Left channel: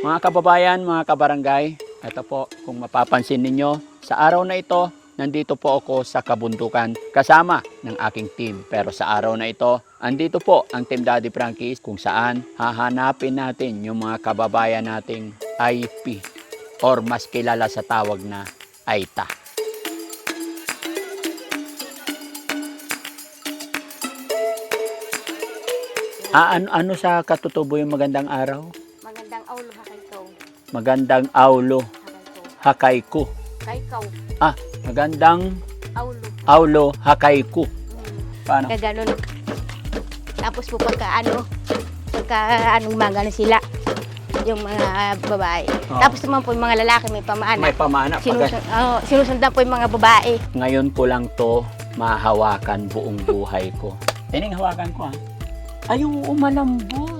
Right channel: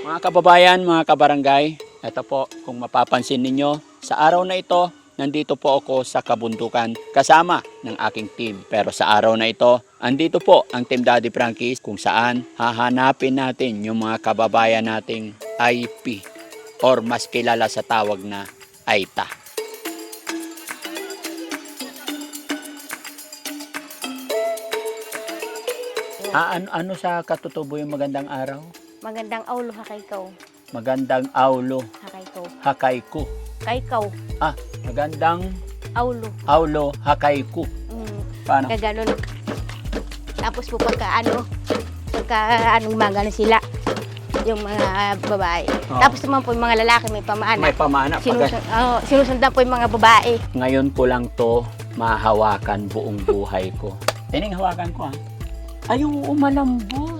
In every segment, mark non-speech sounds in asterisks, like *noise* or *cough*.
Mga kababayan, mga kabarangay, ito po, kung mapapansin ninyo, sa araw na ito, nandito po ako sa kabundukan kasama ng aking team. Pero sa araw na ito, andito po ang Team Daddy Frankie kung saan hahanapin natin yung mga kababayan nating IP or mas kilala sa tawag na AITA. Ah, ano, ano sa katutubo yung magandang araw? Magandang aulo ha kay ikaw. Magandang aulo, Ha kay ikaw. hakayku. Kay ikaw. Ah, magandang Aulo. aulo, hakayku. Mm. Paano? Kaya ganun. Tapos po pagka ano, pagka anong maga na sila, yung mga babae. Oo. Tapos naman po yung mga lalaki may pamaana. May pamana. Pag, Sinusun, oh, sinusundan po yung mga babae. ngayon ko lang to mahawakan buong buhay ko. *laughs* Tining hawakan ko ha. Ay, yung umalambot.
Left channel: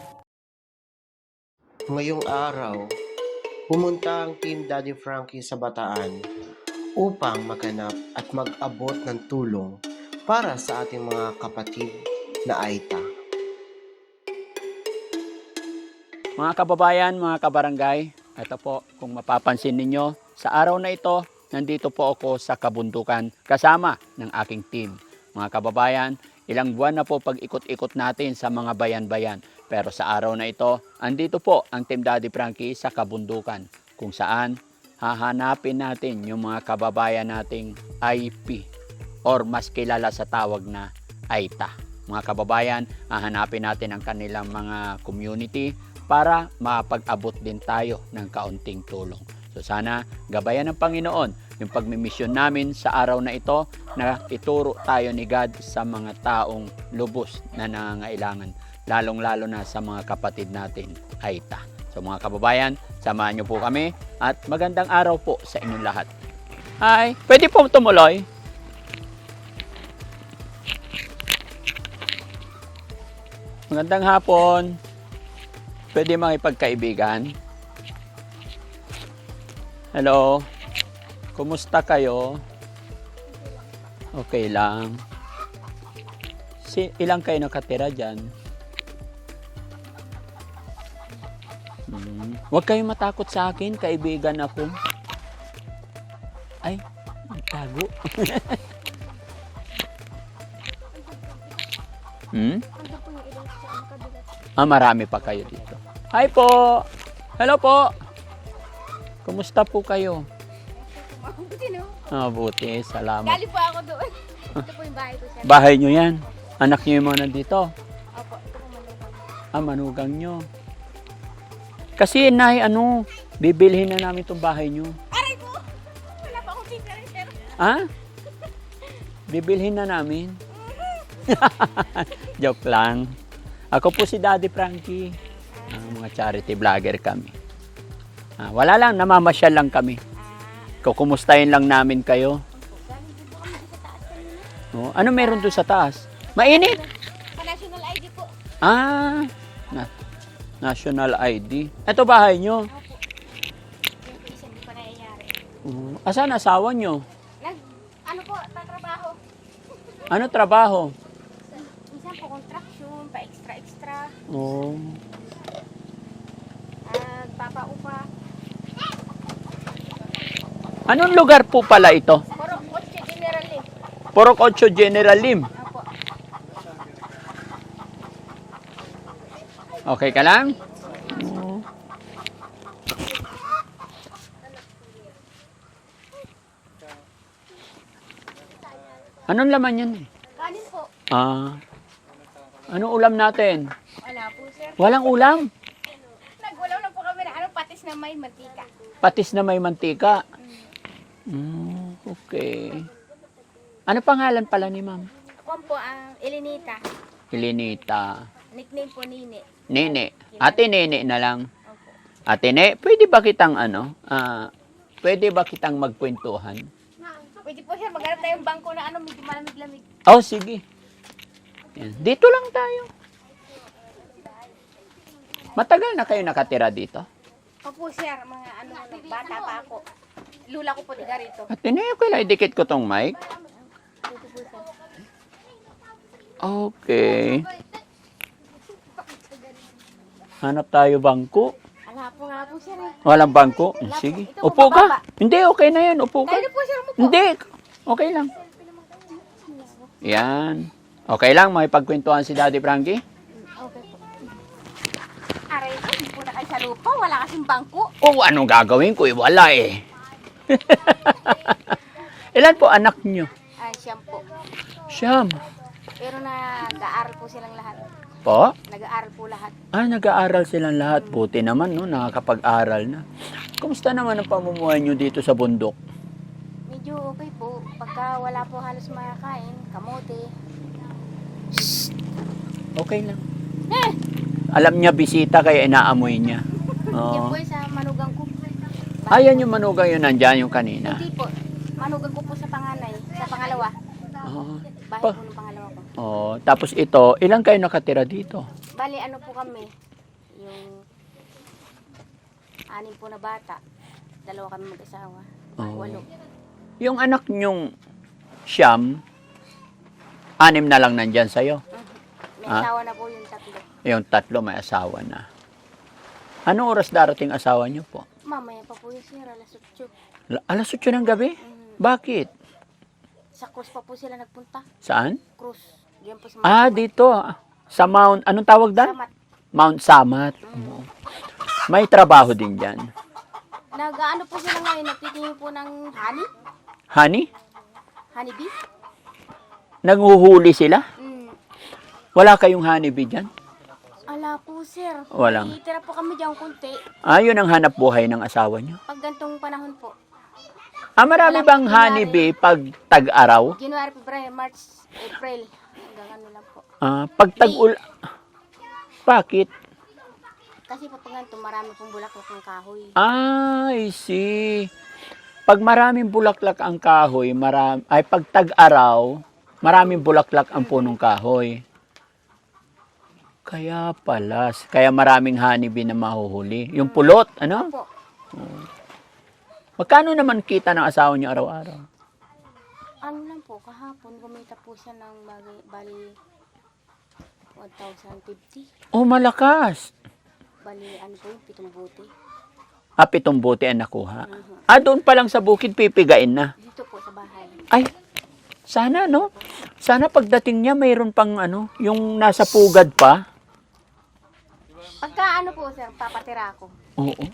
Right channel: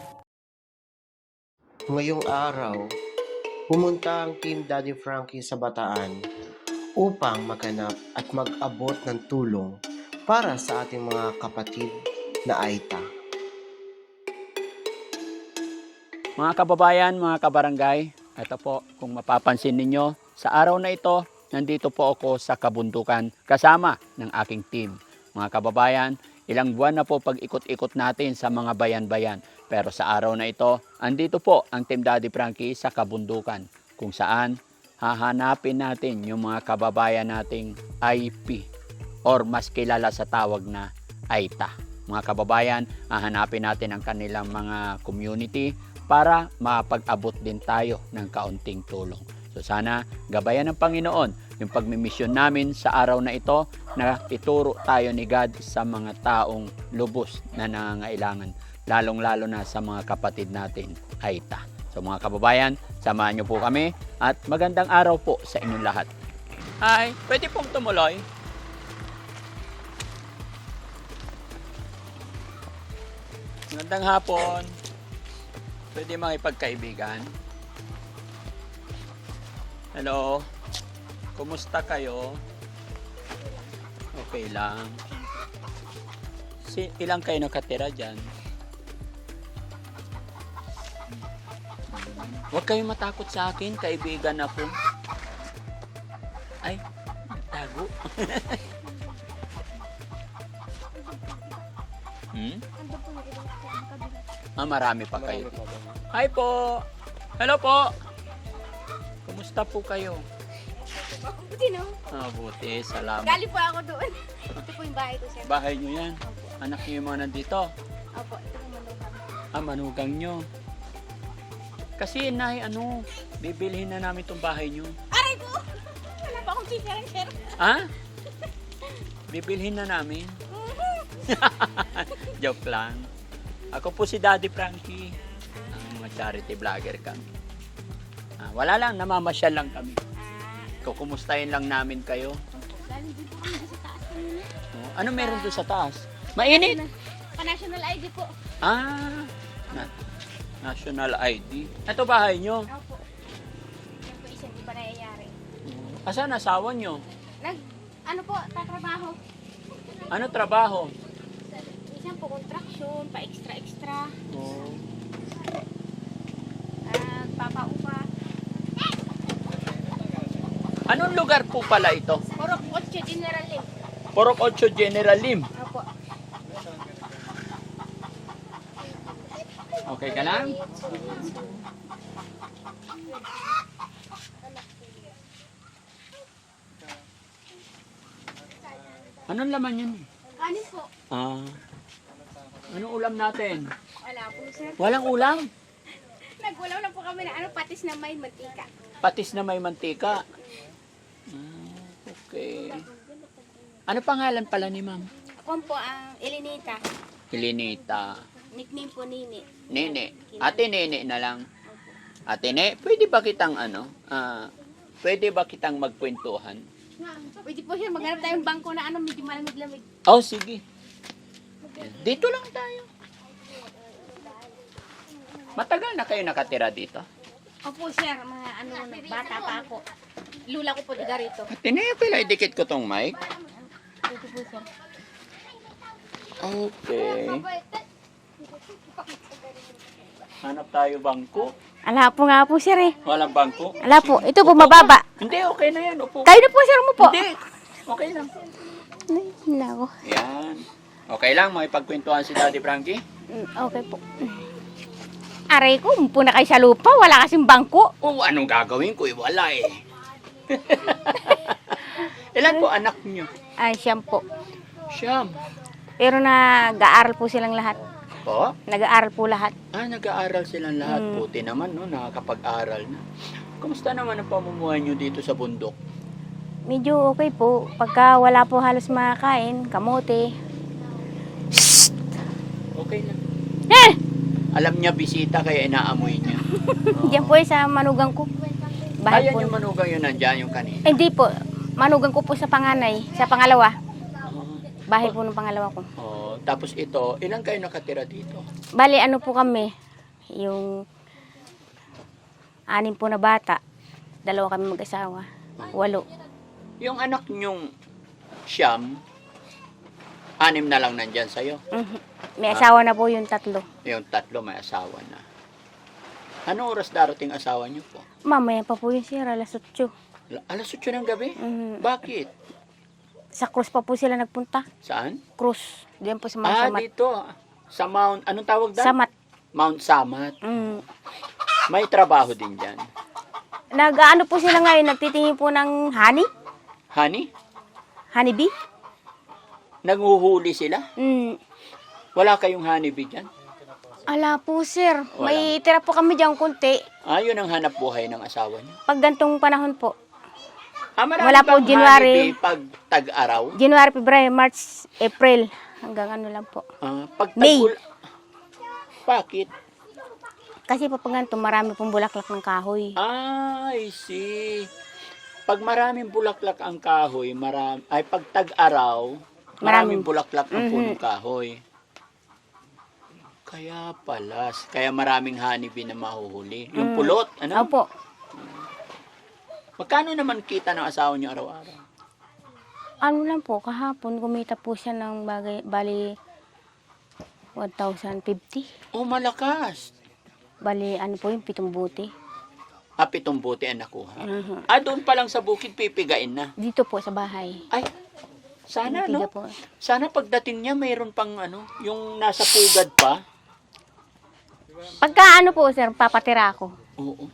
Ngayong araw, pumunta ang Team Daddy Frankie sa Bataan upang maghanap at mag-abot ng tulong para sa ating mga kapatid na Aita. Mga kababayan, mga kabarangay, ito po, kung mapapansin ninyo, sa araw na ito, nandito po ako sa kabundukan kasama ng aking team. Mga kababayan, ilang buwan na po pag-ikot-ikot natin sa mga bayan-bayan. Pero sa araw na ito, andito po ang Team Daddy Frankie sa kabundukan kung saan hahanapin natin yung mga kababayan nating IP or mas kilala sa tawag na AITA. Mga kababayan, hahanapin natin ang kanilang mga community para mapag-abot din tayo ng kaunting tulong. So sana gabayan ng Panginoon yung pagmimisyon namin sa araw na ito na ituro tayo ni God sa mga taong lubos na nangangailangan, lalong-lalo na sa mga kapatid natin, Aita. So mga kababayan, samahan niyo po kami at magandang araw po sa inyong lahat. Hi, pwede po tumuloy? Magandang hapon. Pwede makipagkaibigan? Hello. Kumusta kayo? Okay lang. Si, ilang kayo nakatira dyan? Hmm. Huwag kayong matakot sa akin, kaibigan ako. Ay, tago. *laughs* hmm? Ah, marami pa kayo dito. Hi po! Hello po! Kumusta po kayo? Ah, buti. Salamat. Galing po ako doon. *laughs* Ito po yung bahay ko sir. Bahay nyo yan. Anak nyo yung mga nandito. Opo, ito po yung bahay. Ah, manugang nyo. Kasi, Nay, ano, bibilhin na namin itong bahay nyo. Aray po! Wala pa akong ng sir. Ha? Bibilhin na namin. *laughs* Joke lang. Ako po si Daddy Frankie. Ang mga charity vlogger kami. Ah, wala lang, namamasyal lang kami. Kukumustahin lang namin kayo. Oh, ano meron doon sa taas? Mainit! Pa-national ID po. Ah, na, national ID. Ito bahay nyo. Opo. Yung po isa di pa nangyayari. Oh, asan asawa nyo? Nag, ano po, tatrabaho. Ano trabaho? Minsan po contraction, pa-extra-extra. Oh, At papaupa. Anong lugar po pala ito? Puro 8 general eh. Purok 8 General Lim. Okay ka lang? Anong laman yun? Kanin po. Ah. Anong ulam natin? Wala po sir. Walang ulam. Nagulaw na po kami na ano, patis na may matika. Patis na may mantika. Mm, okay. Ano pangalan pala ni ma'am? Ako po ang Elinita. Helenita. Nickname po Nini. Nene. Ate Nene na lang. Opo. Ate Ne, pwede ba kitang ano, ah, pwede ba kitang magkwentuhan? Pwede po sir, maghanap tayong bangko na ano, medyo malamig-lamig. Oh, sige. Yan. Dito lang tayo. Matagal na kayo nakatira dito? Opo sir, mga ano, bata pa ako. Lula ko po tiga rito. Ne, pala idikit ko tong mic. Okay. Hanap tayo bangko. Ala po nga po sir eh. Walang bangko? Wala po. Ito po, Upo ka. mababa. Hindi, okay na yan. Upo. Kayo na po sir mo po. Hindi. Okay lang. Nako. Yan. Okay lang, may pagkwentuhan si Daddy Frankie. Mm, Okay po. Aray ko, hindi po na kayo sa lupa. Wala kasing bangko. Oh, anong gagawin ko? Eh, wala eh. *laughs* Ilan po anak nyo? Ay, siyam po. Siyam. Pero nag-aaral po silang lahat. Po? Nag-aaral po lahat. Ah, nag-aaral silang lahat. Hmm. Buti naman, no? Nakakapag-aral na. Kumusta naman ang pamumuhay nyo dito sa bundok? Medyo okay po. Pagka wala po halos makakain, kamote. Okay lang. Eh! Alam niya bisita kaya inaamoy niya. Oo. *laughs* Diyan po eh, sa manugang ko. Bahay Ayan po. yung manugang yun, nandyan yung kanina. Hindi po. Manugang ko po sa panganay. Sa pangalawa. Oo. Bahay po ng pangalawa ko. Oh, tapos ito, ilang kayo nakatira dito? Bali, ano po kami? Yung anim po na bata. Dalawa kami mag-asawa. Oo. Walo. Yung anak nyong siyam, anim na lang nandyan sa'yo. Mhm. May Ah. asawa na po yung tatlo. Yung tatlo may asawa na. Anong oras darating asawa niyo po? Mamaya pa po yun sir, alas 8. La- Alas 8 ng gabi? Mhm. Bakit? Sa cruise pa po sila nagpunta. Saan? Cruise. Diyan po sa Ah, Mount Samat. dito. Sa Mount, anong tawag doon? Samat. Mount Samat. Mm. May trabaho din dyan. Nag-ano po sila ngayon, nagtitingin po ng honey. Honey? Honey bee. Nanghuhuli sila? Mm. Wala kayong honeybee dyan? Ala po sir, Walang. may tira po kami dyan kunti. Ah, yun ang hanap buhay ng asawa niyo. Pag gantong panahon po. Ah, marami Wala pong January. honeybee pag tag-araw? January, February, March, April. Hanggang ano lang po. Ah, pag May. tag Bakit? Kasi po pag ganito, marami pong bulaklak ng kahoy. Ah, I see. Pag maraming bulaklak ang kahoy, maram, ay pag tag-araw, maraming bulaklak ang Mhm. punong kahoy. Kaya pala, kaya maraming honeybee na mahuhuli. Yung pulot, ano? Opo. Magkano naman kita ng asawa niyo araw-araw? Ano lang po, kahapon kumita po siya ng bagay, bali 1,050. Oh, malakas. Bali, ano po yung pitong buti. Ah, pitong bote ang nakuha. Mhm. Ah, doon pa lang sa bukid, pipigain na. Dito po sa bahay. Ay, sana, no? Dito po. Sana pagdating niya, mayroon pang ano, yung nasa pugad pa. Pagka ano po, sir, papatira ako. Oo.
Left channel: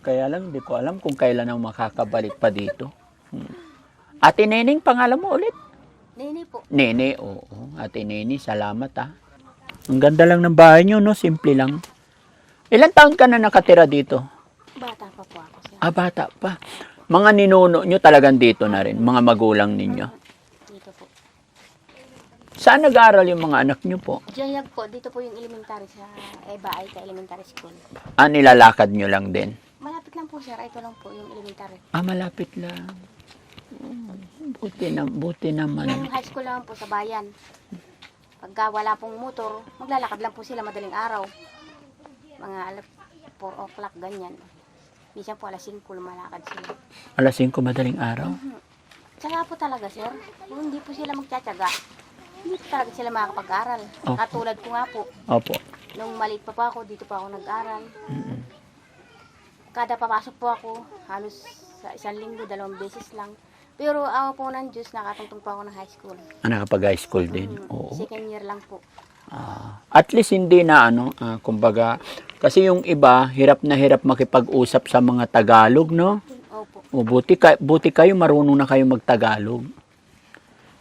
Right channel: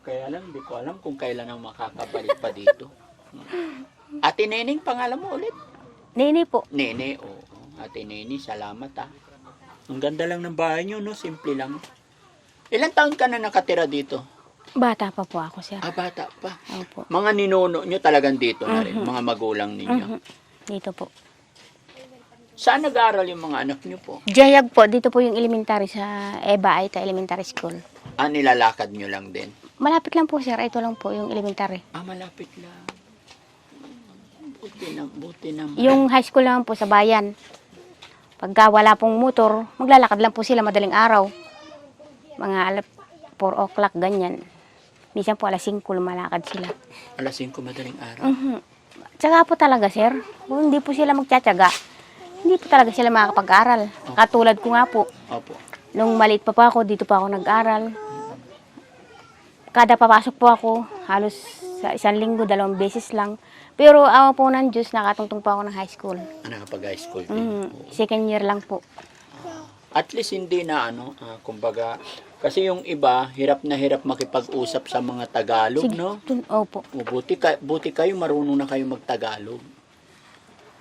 Kaya lang, hindi ko alam kung kailan ang makakabalik pa dito. Hmm. Ate Neneng, pangalan mo ulit? Nini po. Nene, oo. Ate Nene, salamat ah. Ang ganda lang ng bahay niyo, no? Simple lang. Ilan taon ka na nakatira dito? Bata pa po ako, sir. Ah, bata pa. Opo. Mga ninuno nyo talagang dito na rin, mga magulang ninyo. Mhm. Dito po. Saan nag-aaral yung mga anak nyo po? Jayag po, dito po yung elementary sa Eba Aita Elementary School. Ah, nilalakad nyo lang din? Malapit lang po, sir. Ito lang po yung elementary. Ah, malapit lang. Oh, Buti na, buti naman. Yung high school naman po sa bayan. Pagka wala pong motor, maglalakad lang po sila madaling araw. Mga alas 4 o'clock, ganyan. Minsan po alas 5 lumalakad sila. Alas 5 madaling araw. Mhm. Tsaka po talaga, sir, kung hindi po sila magtsatsaga, hindi po talaga sila makakapag-aral. Okay. Katulad ko nga po, Opo. nung maliit pa po ako, dito pa ako nag-aral. Kada papasok po ako, halos sa isang linggo, dalawang beses lang. Pero awa po ng Diyos, nakatungtong po ako ng high school. Ah, nakapag-high school din. Mhm. Oo. Second year lang po. Ah, at least hindi na ano, ah, kumbaga, kasi yung iba, hirap na hirap makipag-usap sa mga Tagalog, no? Dun- Opo. O buti, ka, buti kayo, marunong na kayo magtagalog.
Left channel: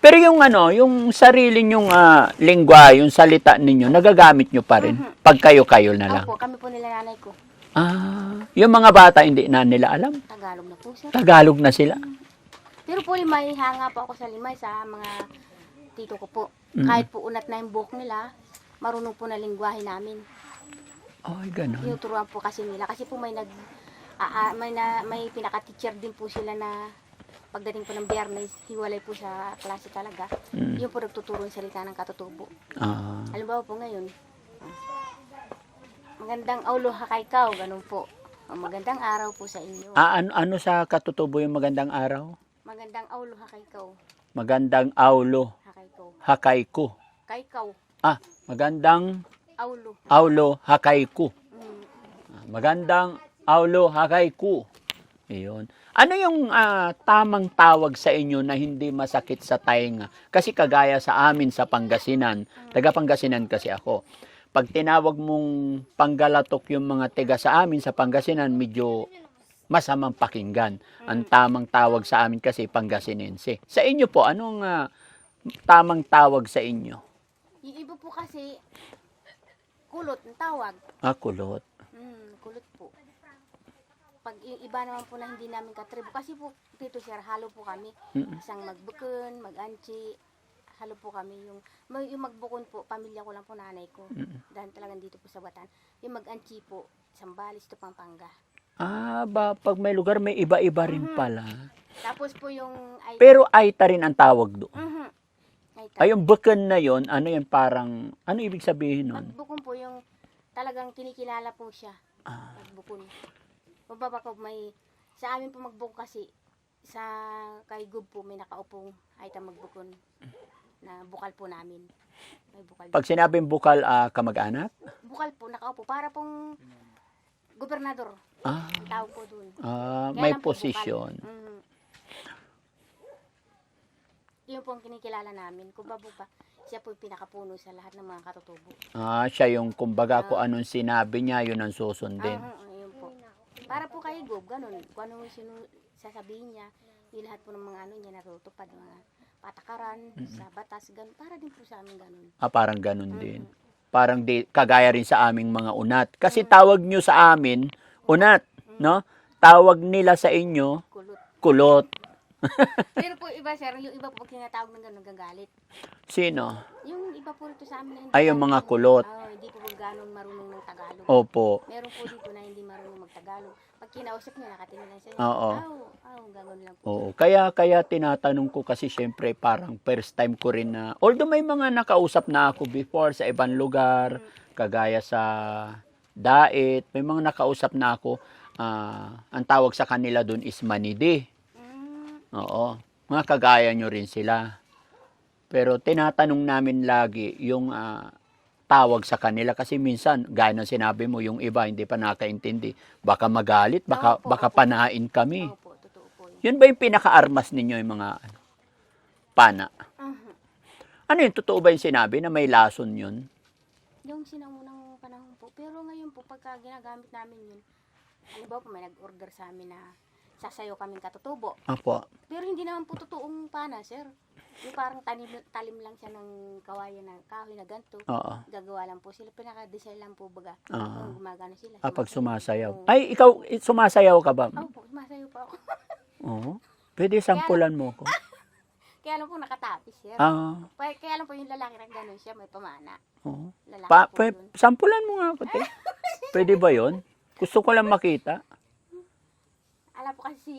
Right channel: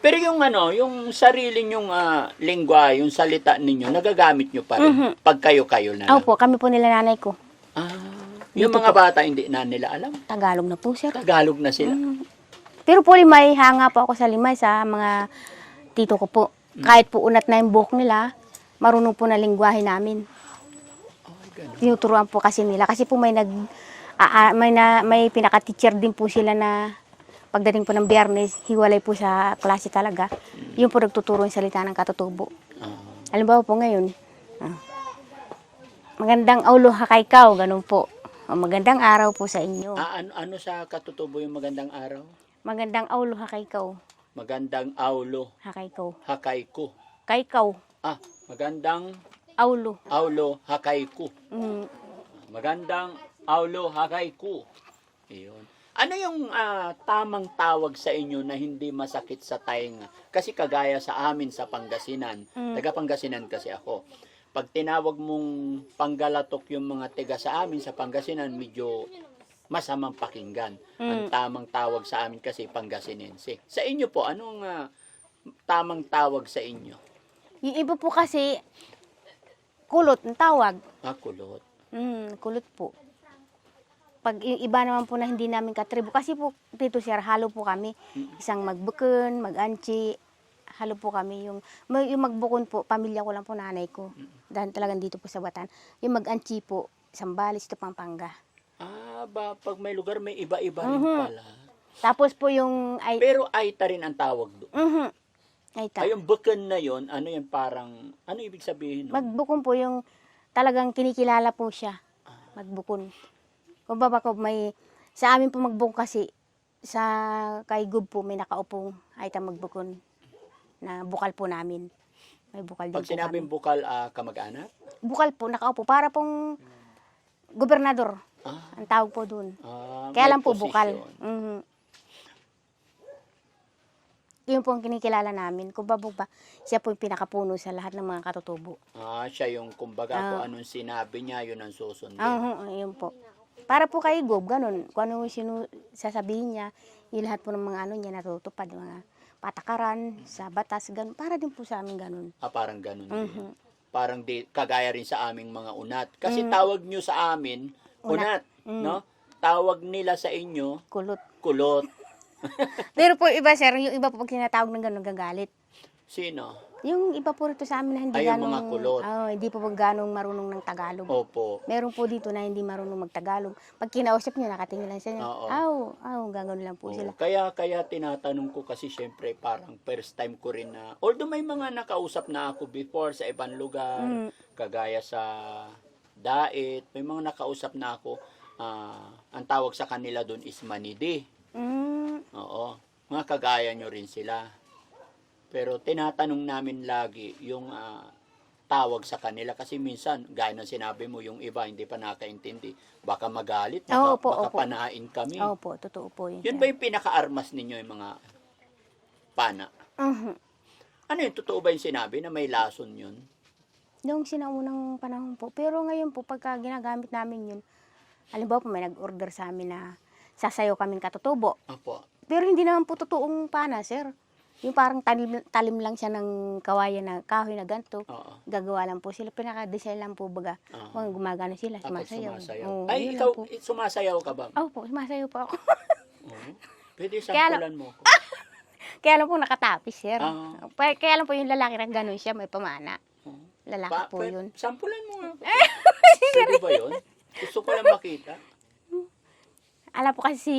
Pero yung ano, yung sarili nyong ah, lingwa, yung salita ninyo, nagagamit nyo pa rin. Mhm. Pag kayo-kayo na lang. Opo, kami po nila nanay ko. Ah, yung mga bata hindi na nila alam. Tagalog na po, sir. Tagalog na sila. Pero po limay, hanga po ako sa limay sa mga tito ko po. Mm. Kahit po unat na yung buhok nila, marunong po na lingwahe namin. Ay, ganun. Tinuturuan po kasi nila. Kasi po may nag, ah, may, na, may pinaka-teacher din po sila na pagdating po ng biyernes, hiwalay po sa klase talaga. Yung po nagtuturo yung salita ng katutubo. Ah, Halimbawa po ngayon, ah, magandang aulo hakaikaw, ganun po. O, magandang araw po sa inyo. ah, ano, ano sa katutubo yung magandang araw? Magandang aulo hakaikaw, Magandang aulo, hakaikaw. hakayku. Kaikaw, Ah, magandang aulo. aulo, hakayku. Mm, Magandang aulo, hakayku. Iyon. Ano yung ah, tamang tawag sa inyo na hindi masakit sa tainga? Kasi kagaya sa amin sa Pangasinan, taga Pangasinan kasi ako. Pag tinawag mong panggalatok yung mga tiga sa amin sa Pangasinan, medyo masamang pakinggan. Ang tamang tawag sa amin kasi Pangasinense. Sa inyo po, anong ah, tamang tawag sa inyo? Yung iba po kasi, kulot ang tawag. Ah, kulot. Mm, kulot po. Pag iba naman po na hindi namin katribo, kasi po dito sir, halo po kami. Isang magbukon, mag-anchi, halo po kami. Yung, yung magbukon po, pamilya ko lang po nanay ko. Dahil talagang dito po sa Batan. Yung mag-anchi po, Sambales to Pampanga. Ah, ba, pag may lugar, may iba-iba rin Mhm. pala. Tapos po yung ay Pero Aita rin ang tawag doon. Mhm. Ay, ta- Ay, yung bukan na yon ano yan parang, ano ibig sabihin nun? Magbukon po yung talagang kinikilala po siya. Ah. Magbukon. Kung baba ko may, sa amin po magbukon kasi, sa kay Gub po may nakaupong ay ta magbukon na bukal po namin. May bukal Pag din sinabing bukal, ah, kamag-anak? Bukal po, nakaupo. Para pong gobernador. Ah, Ang tawag po dun. ah, Kaya may lang po bukal. posisyon. Mhm. Yun po ang kinikilala namin. Kung ba ba, siya po yung pinakapuno sa lahat ng mga katutubo. Ah, siya yung kumbaga Ah. kung anong sinabi niya, yun ang susundin. Ah, uh, yun po. Para po kay Gob, ganun. Kung ano yung sinu- sasabihin niya, yung lahat po ng mga ano niya natutupad, mga patakaran sa batas, ganun. Para din po sa amin ganun. Ah, parang ganun din. Mhm. Parang di, kagaya rin sa aming mga unat. Kasi Mm. tawag nyo sa amin, unat, Mm. no? Tawag nila sa inyo, Kulot. kulot. *laughs* Pero po iba, sir, yung iba po pag tinatawag ng ganun, gagalit. Sino? Yung iba po rito sa amin na hindi Ay, yung mga kulot. Oo, hindi po po ganong marunong ng Tagalog. Opo. Meron po dito na hindi marunong magtagalog. Pag kinausap niyo, nakatingin lang siya. Oo. Aw, aw, gagawin lang po Oo, sila. kaya kaya tinatanong ko kasi syempre parang first time ko rin na although may mga nakausap na ako before sa ibang lugar Mm. kagaya sa Dait, may mga nakausap na ako ah, ang tawag sa kanila doon is manidi. Oo. Mga kagaya nyo rin sila. Pero tinatanong namin lagi yung ah, tawag sa kanila kasi minsan gaya ng sinabi mo yung iba hindi pa nakaintindi baka magalit baka Opo, baka opo. panain kami opo, totoo po yun. yun ba yung pinaka-armas ninyo yung mga pana? Mhm. Ano yun? Totoo ba yung sinabi na may lason yun? Noong sinaunang panahon po. Pero ngayon po, pagka ginagamit namin yun, halimbawa po may nag-order sa amin na sasayaw kaming katutubo. Apo. Pero hindi naman po totoong pana, sir. Yung parang talim, talim lang siya ng kawayan na kahoy na ganito. Oo. Gagawa lang po sila. Pinaka-design lang po baga. Ah. Kung gumagano sila, Kapag sumasayaw. Oo, Ay, ikaw, eh, sumasayaw ka ba? Oo po, sumasayaw po ako. *laughs* Oo. Pwede sampulan mo ko. *laughs* Kaya lang po nakatapis, sir. Ah. Pa- Kaya lang po yung lalaki na gano'n siya, may pamana. Oo. Lalaki Pa, po yun. sampulan mo nga ako. te. *laughs* Pwede ba yun? Gusto ko lang makita. Alam po kasi si,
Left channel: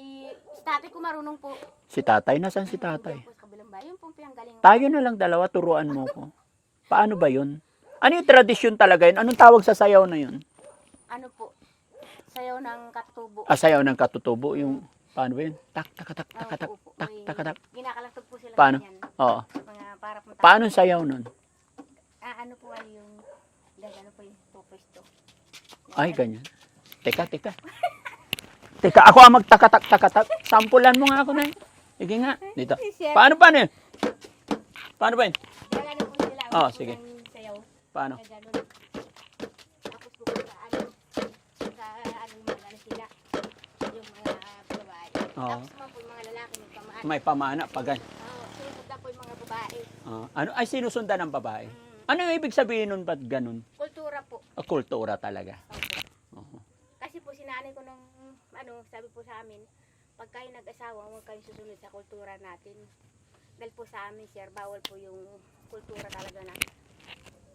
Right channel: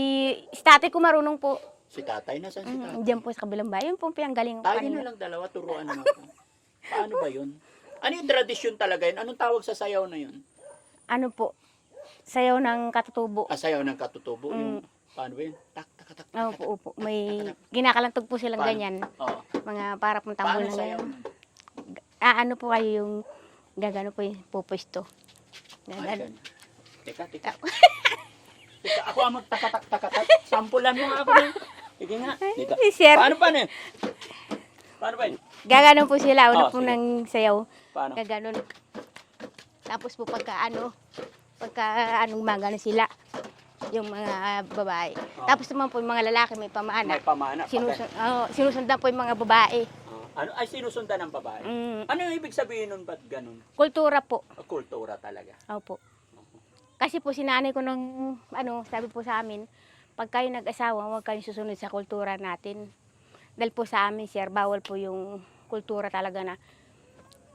si tatay ko marunong po. Si tatay, nasan si Mm, tatay? Diyan po sa kabilang bayan. Yun po ang ko Tayo na lang dalawa, turuan mo ko. Paano ba yun? Ano yung tradisyon talaga yun? Anong tawag sa sayaw na yun? Ano po, sayaw ng katutubo. Ah, sayaw ng katutubo. Mm. Yung, paano ba yun? Tak, tak, tak, tak, Oo tak, po, opo. tak, May tak, tak. ginakalantog po silang Paano? ganyan. Oo. Mga para pong Paano tambalan. sayaw nun? Ah, ano po kayo yung gagano po yung pupusto. Ay, ganyan. Teka, teka. *laughs* teka, ako ang magtakatak-takatak. *laughs* Sampulan mo nga ako na. Sige nga. Dito. Si Sir, Paano, paano yun? Paano ba yun? gagano po sila. Una Ah, po sige. ng sayaw. Paano? Gaganon. Tapos po pagka ano, pagka ano gumagano sila. Yung mga babae. Oo. Tapos naman po yung mga lalaki may pamaana. May pamana. Pag, Sinusun, oh, sinusundan po yung mga babae. Ah, ano, ay, sinusundan ng babae. Mm, Ano yung ibig sabihin nun ba't ganun? kultura po. Ah, Kultura talaga. Opo. Kasi po sinanay ko nung, ano, sabi po sa amin, pag kayo nag-asawa, huwag kayong susunod sa kultura natin. Dahil po sa amin, sir, bawal po yung kultura talaga na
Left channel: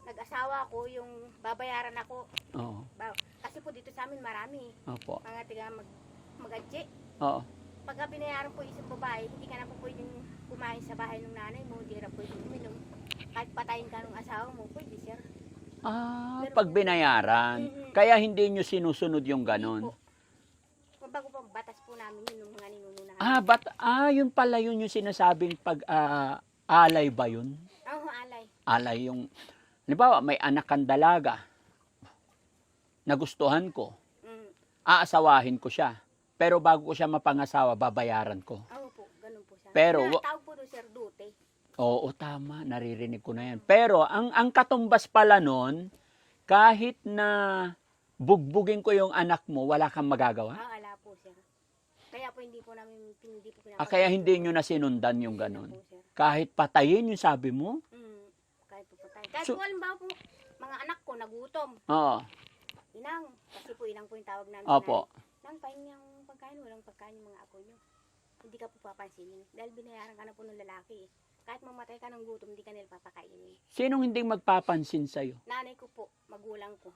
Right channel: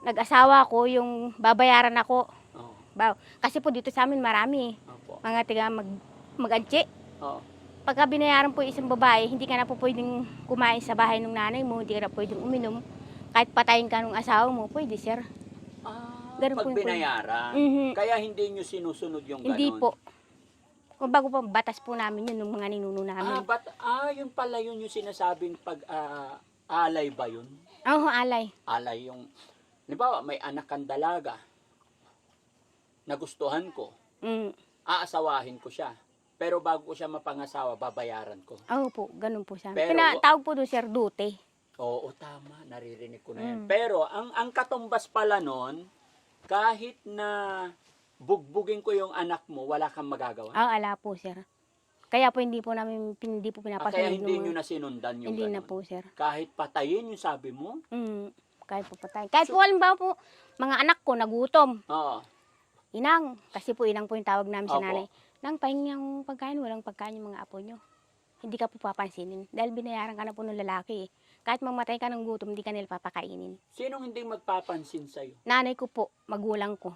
nag-asawa ko, yung babayaran ako, Oo. Baw. Kasi po dito sa amin marami. Opo. Mga tiga mag, mag-antsi. Oo. Pagka binayaran po isang babae, hindi ka na po pwedeng kumain sa bahay ng nanay mo, hindi ka na pwedeng uminom. Kahit patayin ka ng asawa mo, pwede sir. Ah, Ganun pag po yung- binayaran. Mhm. Kaya hindi nyo sinusunod yung Hindi ganon. po. Kung bago pa batas po namin yun ng mga ninuno namin. Ah, but, ah, yun pala yun yung sinasabing pag ah, alay ba yun? Oo, alay. Alay yung, halimbawa, may anak kang dalaga. Nagustuhan ko. Mm. Aasawahin ko siya. Pero bago ko siya mapangasawa, babayaran ko. Oo po, ganun po siya. Pero- Pero, tawag po doon sir, dute. Oo, tama. Naririnig ko na yan. Mm. Pero ang ang katumbas pala nun, kahit na bugbugin ko yung anak mo, wala kang magagawa. Ah, ala po sir. Kaya po hindi po namin, hindi po Ah, kaya hindi nyo na sinundan yung Hindi na po sir. Kahit patayin yung sabi mo. Mm, kahit po patay. Kahit So- po halimbawa po, mga anak ko nagutom. Oo. Inang, kasi po inang po yung tawag namin sa Opo. nanay. Nang pahingi ang pagkain, walang pagkain yung mga apo nyo. Hindi ka po papansinin. Dahil binayaran ka na po ng lalaki eh. Kahit mamatay ka ng gutom, hindi ka nila papakainin. Sinong hindi magpapansin sa'yo? Nanay ko po, magulang ko.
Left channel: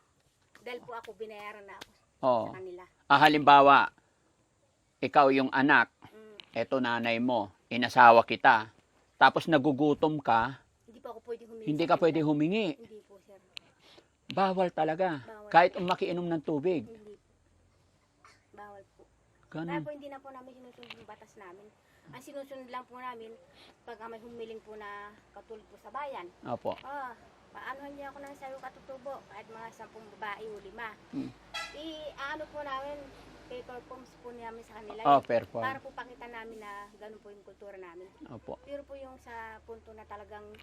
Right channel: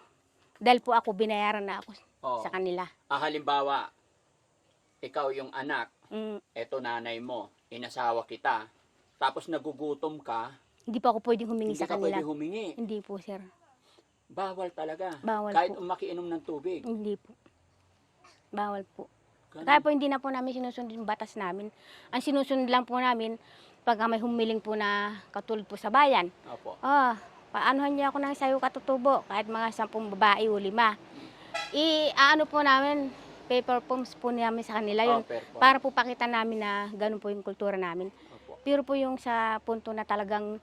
Dahil po ako, binayaran na ako Oo. sa kanila. Ah, halimbawa, ikaw yung anak, Mm, eto nanay mo, inasawa kita, tapos nagugutom ka, hindi po ako pwedeng humingi hindi sa ka kanila. pwede humingi. Hindi po, sir. Bawal talaga. Bawal Kahit po. makiinom ng tubig. Hindi po. Bawal po. Ganun. Kaya po hindi na po namin sinusunod yung batas namin. Ang sinusunod lang po namin, pag may humiling po na katulad po sa bayan, Opo. ah, paanohan niya ako ng sayo katutubo, kahit mga sampung babae o lima. Hmm. I-ano po namin, paper forms po namin sa kanila Oh, yun. perfect. Para po pakita namin na ganun po yung kultura namin. Opo. Pero po yung sa punto na talagang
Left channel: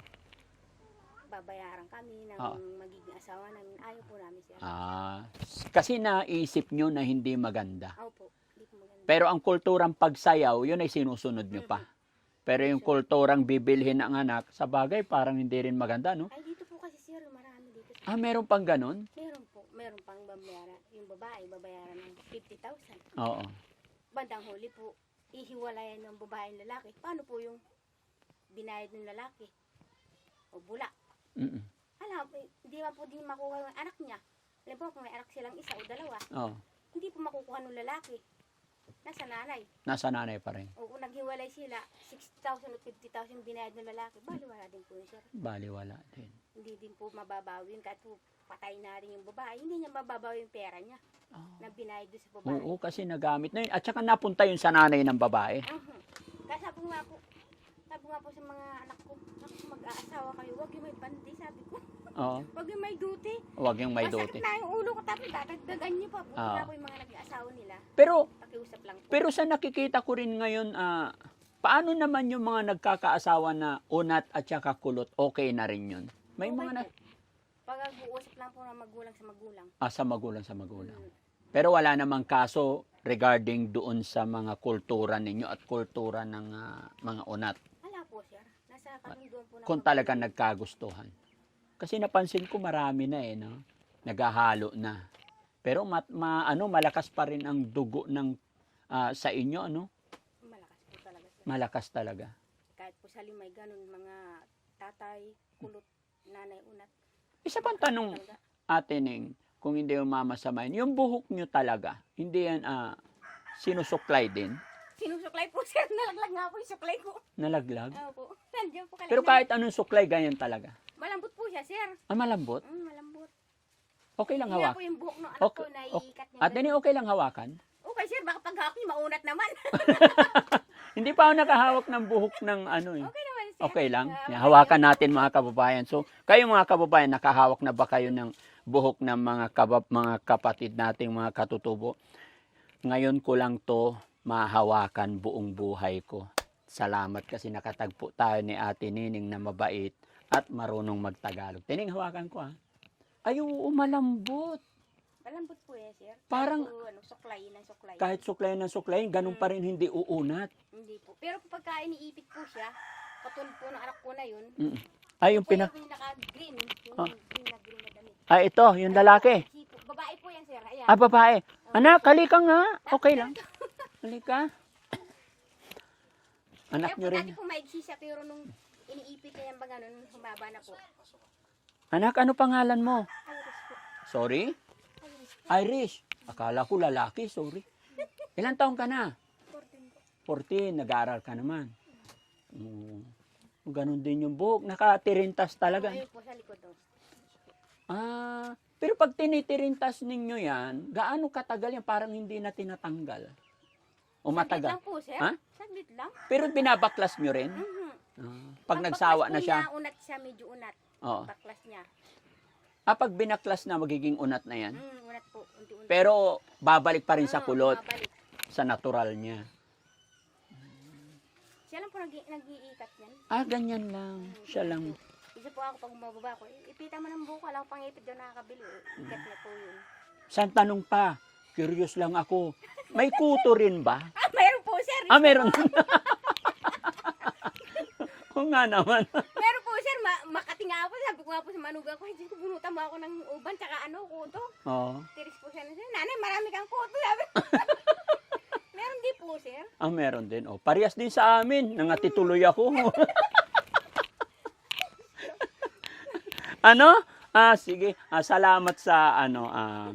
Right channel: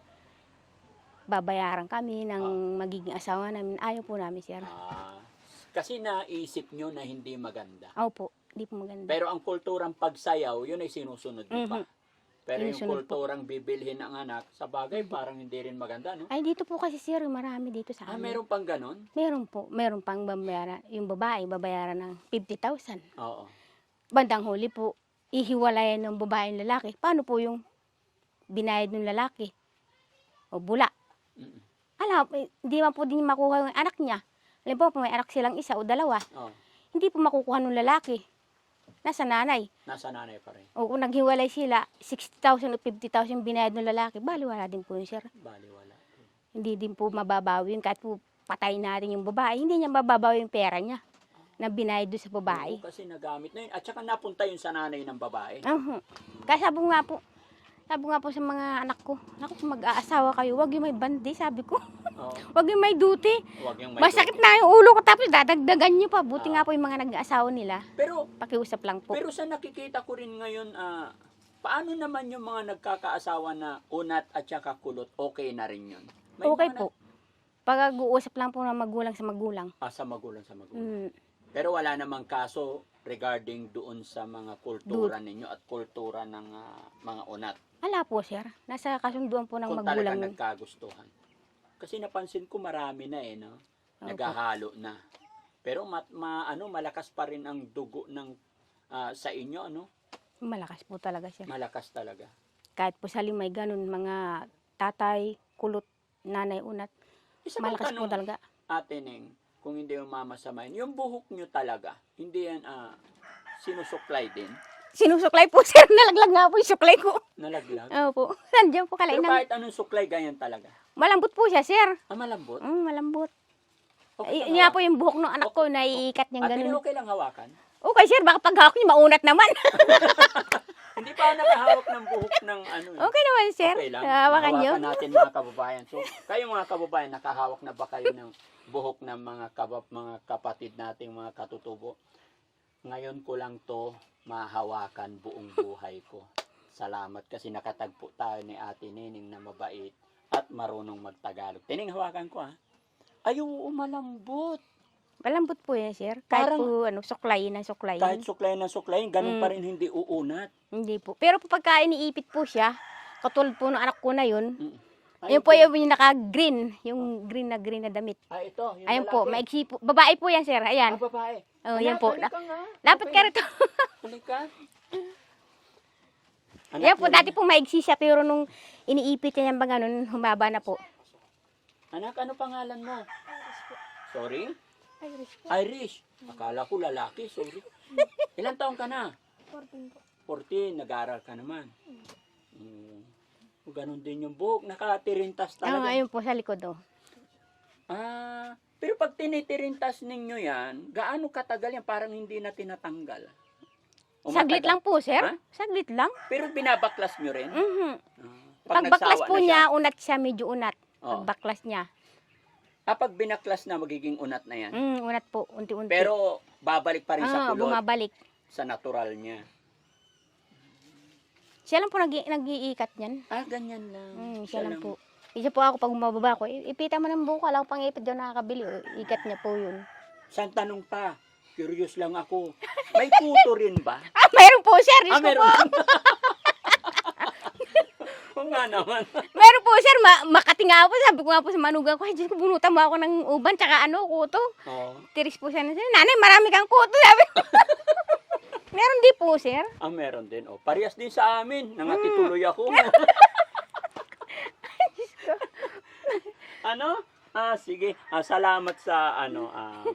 babayaran kami ng magiging asawa namin, ayaw po namin sir. Ah, kasi naisip nyo na hindi maganda. Opo, di po maganda. Pero ang kulturang pagsayaw, yun ay sinusunod nyo pa. Pero yung Sinusunod. kulturang bibilhin ng anak, sa bagay parang hindi rin maganda, no? Ay, dito po kasi sir, marami dito sa Ah, amin. meron pang ganon? Meron po, meron pang babayaran. Yung babae, babayaran ng 50,000. Oo. Bandang huli po, ihiwalayan ng babae ng lalaki. Paano po yung binayad ng lalaki? O bula. Mm-mm. Alam, eh, hindi man po din makuha yung anak niya. Alam po, may anak silang isa o dalawa, Oo. hindi po makukuha ng lalaki. Nasa nanay. Nasa nanay pa rin. O kung naghiwalay sila, 60,000 o 50,000 binayad ng lalaki, baliwala din po yun, sir. Baliwala din. Hindi din po mababawi yun. Kahit po patay natin yung babae, hindi niya mababawi yung pera niya na binayad doon sa babae. Oo, kasi nagamit na yun. At saka napunta yun sa nanay ng babae. Uhum. Kaya sabi nga po, sabi nga po sa mga anak ko, naku, kung mag-aasawa kayo, wag yung may bandi, sabi ko. Oo. *laughs* Wag yung may duty. Huwag yung may Masakit duty. na yung ulo ko, tapos dadagdagan nyo pa. Buti Ah. nga po yung mga nag-aasawa nila. Pero, Pakiusap lang po. pero sa nakikita ko rin ngayon, ah, paano naman yung mga nagkakaasawa na unat at saka kulot, okay na rin yun? May okay mga na- po. Pag uusap lang po ng magulang sa magulang. Ah, sa magulang sa magulang. Mm, Pero wala namang kaso regarding doon sa mga kultura ninyo at kultura ng ah, mga unat. Ala po, sir. Nasa kasunduan po ng Kung magulang. talagang nagkagustuhan. Kasi napansin ko marami na eh, no? Opo. Naghahalo na. Pero mat, ma, ano, malakas pa rin ang dugo ng ah, sa inyo, ano? Malakas po talaga, sir. Malakas talaga. Kahit po sa limay ganun, mga tatay, kulot, nanay, unat. Isa bang Malakas po tanong, talaga. Ate Ning, kung hindi yung mamasamain, yung buhok nyo talaga, hindi yan ah, sinusuklay din, Sinusuklay po, *laughs* sir. Nalaglag nga po yung suklay ko. nalaglag. Opo. Nandiyan po Pero kalain kahit anong suklay, ganyan talaga. Malambot po siya, sir. Ah, malambot. Mm, malambot. Okay Ay, lang nga po yung buhok ng anak Okay. ko na iikat niya Ning, ganun. okay lang hawakan? Okay, sir. Baka pag hawak niyo, maunat naman. *laughs* Hindi pa ako nakahawak ng buhok ng ano. eh. okay naman, sir. Okay lang. Hawakan Hawakan natin mga kababayan. So, kayo mga kababayan, nakahawak na ba kayo ng buhok ng mga kabab, mga kapatid nating mga katutubo? Ngayon ko lang to mahawakan buong buhay ko. Salamat kasi nakatagpo tayo ni Ate Nining na mabait at marunong magtagalog. Tining hawakan ko ha. Ay, oo, malambot. Malambot po yan, sir. Kahit Parang- po, ano, suklayin na suklayin. Kahit suklay na suklay, ganun Mm. pa rin hindi uunat. Hindi po. Pero po pagka iniipit po siya, katulad po ng anak ko na yun, Mm. Ay, yun yung po pina- yung naka-green, yung green na green na damit. Ay, ito, yung Ayun po, lalaki. maiksi po. Babae po yan, sir. Ayan. Ah, babae. Oh, Anak, halika nga. Lapit Okay ka rito. *laughs* Halika. Anak Yan po, niya dati po maiksi siya, pero nung iniipit niya yung ba ganun, humaba na po. Anak, ano pangalan mo? Sorry? Irish. Akala ko lalaki, sorry. *laughs* Ilan taong ka na? 14. Nag-aaral ka naman. Ganun din yung buhok. Nakatirintas Ah, talaga. ayun po sa likod oh. Ah, pero pag tinitirintas ninyo yan, gaano katagal yan? Parang hindi na tinatanggal. O Saglit matagal? lang po, sir. Ha? Saglit lang. Pero binabaklas nyo rin? Mhm. Ah, Pag baklas nagsawa po na niya, siya, unat siya, medyo unat. Oo. Pag baklas niya. ah, pag binaklas na, magiging unat na yan. Mm, unat po, unti-unti. Pero babalik pa rin sa Ah, kulot, bumabalik. sa natural niya. Siya lang po nag nag-iikat niyan. Ah, ganyan lang. Mm, Siya siya lang lang. po. Isa po ako pag bumababa ko, "I- ipita mo ng buko, alam ko pang ipit daw nakakabili. O, Ikat niya po yun. Saan tanong pa? Curious lang ako. May kuto rin ba? *laughs* Ah, mayroon po, sir. Ah, meron. *laughs* Kung nga naman. *laughs* Meron po, sir. Ma makati nga po. Sabi ko nga po sa manugang ko, ay, Diyos ko, bunutan mo ako ng uban, tsaka ano, kuto. Oh. Tiris po siya na siya. Nanay, marami kang kuto. Sabi ko. Meron di po, sir. Ah, meron din. Oh, parehas din sa amin. Nangatituloy ako. *laughs* ano? Ah, sige. Ah, salamat sa ano. Ah,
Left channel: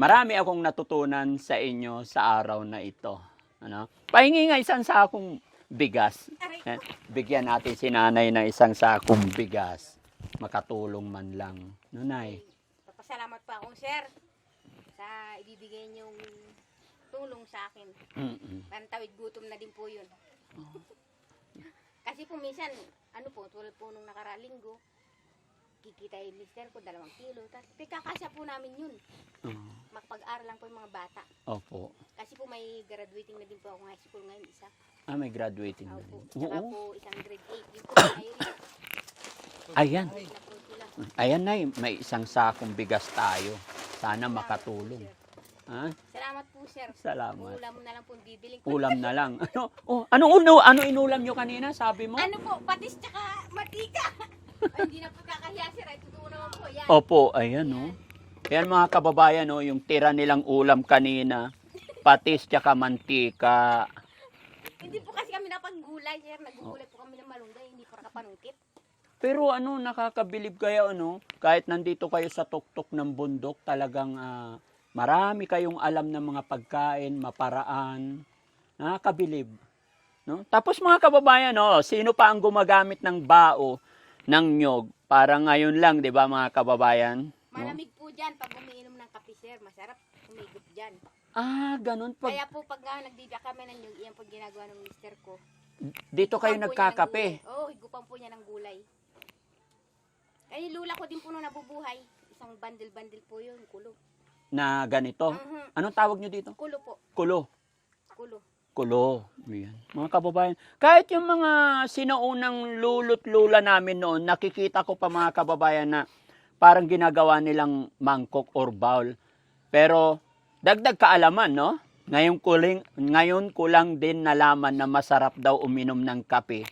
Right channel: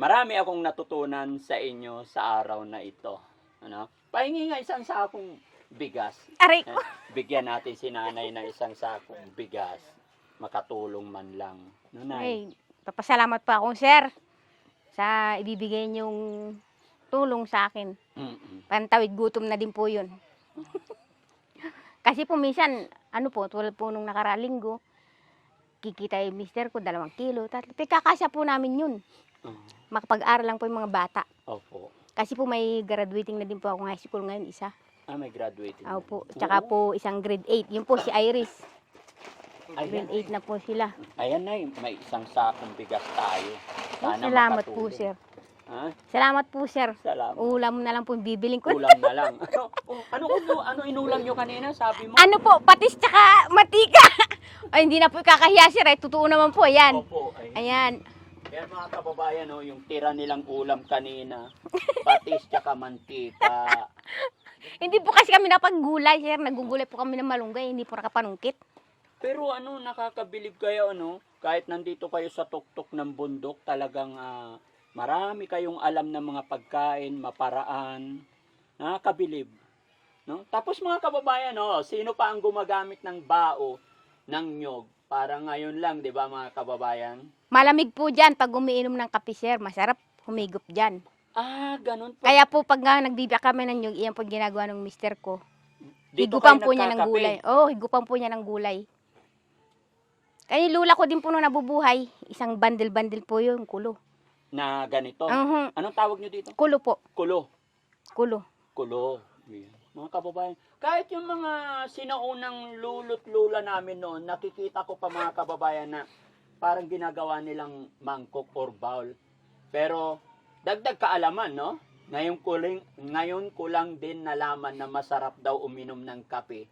marami akong natutunan sa inyo sa araw na ito. Ano? Pahingi nga isang sakong bigas. Aray Eh, ko. bigyan natin si nanay na isang sakong bigas. Makatulong man lang. Nanay. Ay, papasalamat po ako, sir. Sa ibibigay niyong tulong sa akin. Mm-mm. Pantawid gutom na din po yun. *laughs* Kasi po minsan, ano po, tulad po nung nakaralinggo, kikita yung mister ko, dalawang kilo, tatlo. Kakasya po namin yun. Oh, Makapag-aral lang po yung mga bata. opo. Kasi po may graduating na din po ako high school ngayon, isa. Ah, may graduating. na Opo. din. Tsaka Oo. po isang grade 8. Yun po si Iris. Ayan. Grade 8 na po sila. Ayan na, may isang sakong bigas tayo. Sana Salamat po, makatulong. sir. Ha? Salamat po, sir. Salamat. Ulam na lang po yung bibiling ko. Ulam na lang. Ano, *laughs* *laughs* oh, ano, uno, ano inulam nyo kanina? Sabi mo? Ano po, patis tsaka matika. *laughs* Ay, hindi na po kakahiya, sir. Eh. Totoo naman po, yan. Opo, ayan. Ayan. oh. Ayan mga kababayan, oh, yung tira nilang ulam kanina. Patis tsaka mantika. Hindi po kasi kami napaggulay, sir. Nagugulay po kami ng malunggay. Hindi po nakapanungkit. Pero ano, nakakabilib kayo, ano? Kahit nandito kayo sa tuktok ng bundok, talagang ah, marami kayong alam ng mga pagkain, maparaan. Nakakabilib. No? Tapos mga kababayan, no, sino pa ang gumagamit ng bao ng nyog? Para ngayon lang, di ba mga kababayan? Malamig po dyan pag umiinom ng kape, sir. Masarap humigop dyan. Ah, ganun pa. Kaya po pag nga nagbibiyak kami ng nyug, iyan po ginagawa ng mister ko. Dito higupan po niya ng gulay. Oo, oh, higupan po niya ng gulay. Kaya lula ko din po nung nabubuhay, isang bandel-bandel po yun, kulo. Na ganito. Mhm, Anong tawag nyo dito? Kulo po, Kulo. kulo. Kulo. Yan. Mga kababayan, kahit yung mga sinuunang lulot lula namin noon, nakikita ko pa mga kababayan na parang ginagawa nilang mangkok or bowl. Pero dagdag kaalaman, no? Ngayon ko lang, ngayon ko lang din nalaman na masarap daw uminom ng kape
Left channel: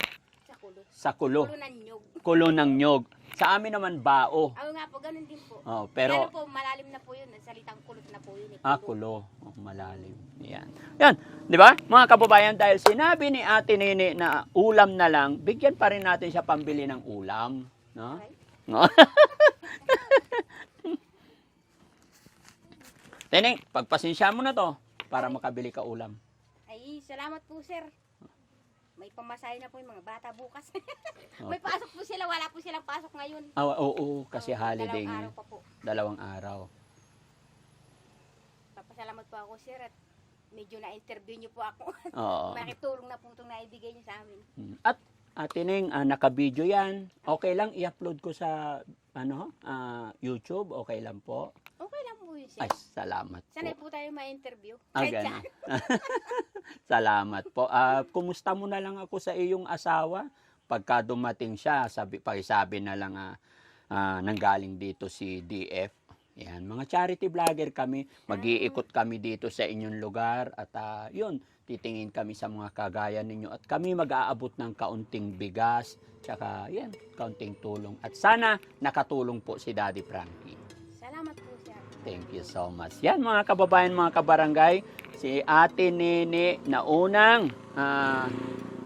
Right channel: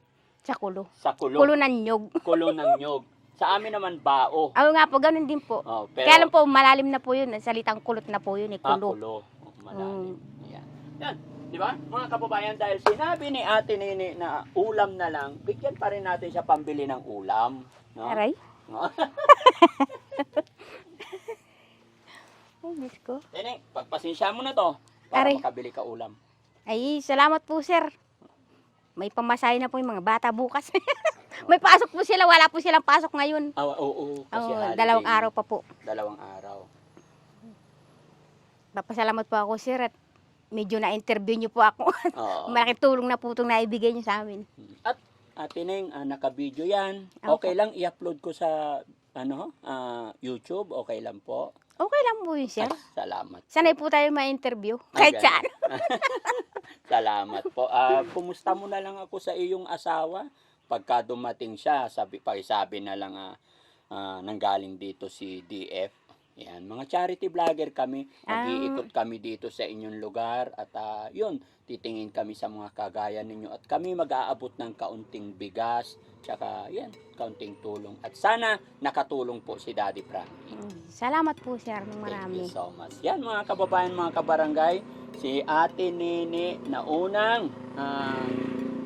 Sa kulo. sa kulo. Kulo ng nyog. Kulo ng nyog. Sa amin naman bao. Ako nga po, ganun din po. Oh, pero Kaya lang po, malalim na po yun. Salitang kulot na po yun, eh, Ah, kulo. kulo. Oh, malalim. Mm. Yan. Yan. Di ba? Mga kababayan, dahil sinabi ni Ate Nene na ulam na lang, bigyan pa rin natin siya pambili ng ulam. No? Aray. No? *laughs* Ay, Diyos ko. Teneng, pagpasensya mo na to para Aray. makabili ka ulam. Ay, salamat po, sir. May pamasahe na po yung mga bata bukas. *laughs* May pasok po sila, wala po silang pasok ngayon. Ah, Oo, oo, kasi Oo, holiday. dalawang araw pa po. Dalawang araw. Papasalamat po ako, sir, at medyo na-interview niyo po ako. *laughs* Oo. Malaking tulong na po itong naibigay niyo sa amin. At Ate Neng, ah, naka-video yan. Opo. Okay lang i-upload ko sa ano, ah, YouTube. Okay lang po. Okay yun, sir. Ah, salamat. Sanay po tayo ma-interview. Ah, Kahit ganun. saan. *laughs* Salamat po. Ah, kumusta mo na lang ako sa iyong asawa? Pagka dumating siya, sabi, pakisabi na lang ah, ah, nanggaling dito si DF. Yan, mga charity vlogger kami. Mag-iikot kami dito sa inyong lugar at ah, yun, titingin kami sa mga kagaya ninyo at kami mag-aabot ng kaunting bigas, tsaka yan, kaunting tulong. At sana nakatulong po si Daddy Frankie. Salamat po, sir, ng Thank marami. you so much. Yan mga kababayan, mga kabarangay, si Ate Nene na unang ah,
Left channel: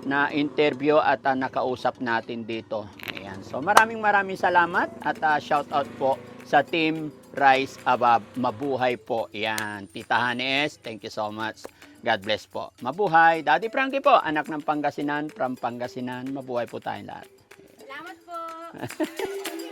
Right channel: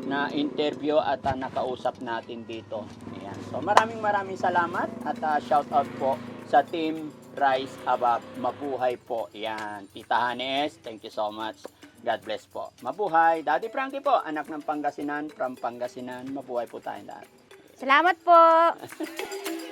na interview at ah, nakausap natin dito. Ayan. So maraming maraming salamat at ah, shout out po sa Team Rise Above. Mabuhay po. Yan. Tita Hanes, thank you so much. God bless po. Mabuhay. Daddy Frankie po, anak ng Pangasinan, from Pangasinan. Mabuhay po tayong lahat. Salamat po. *laughs*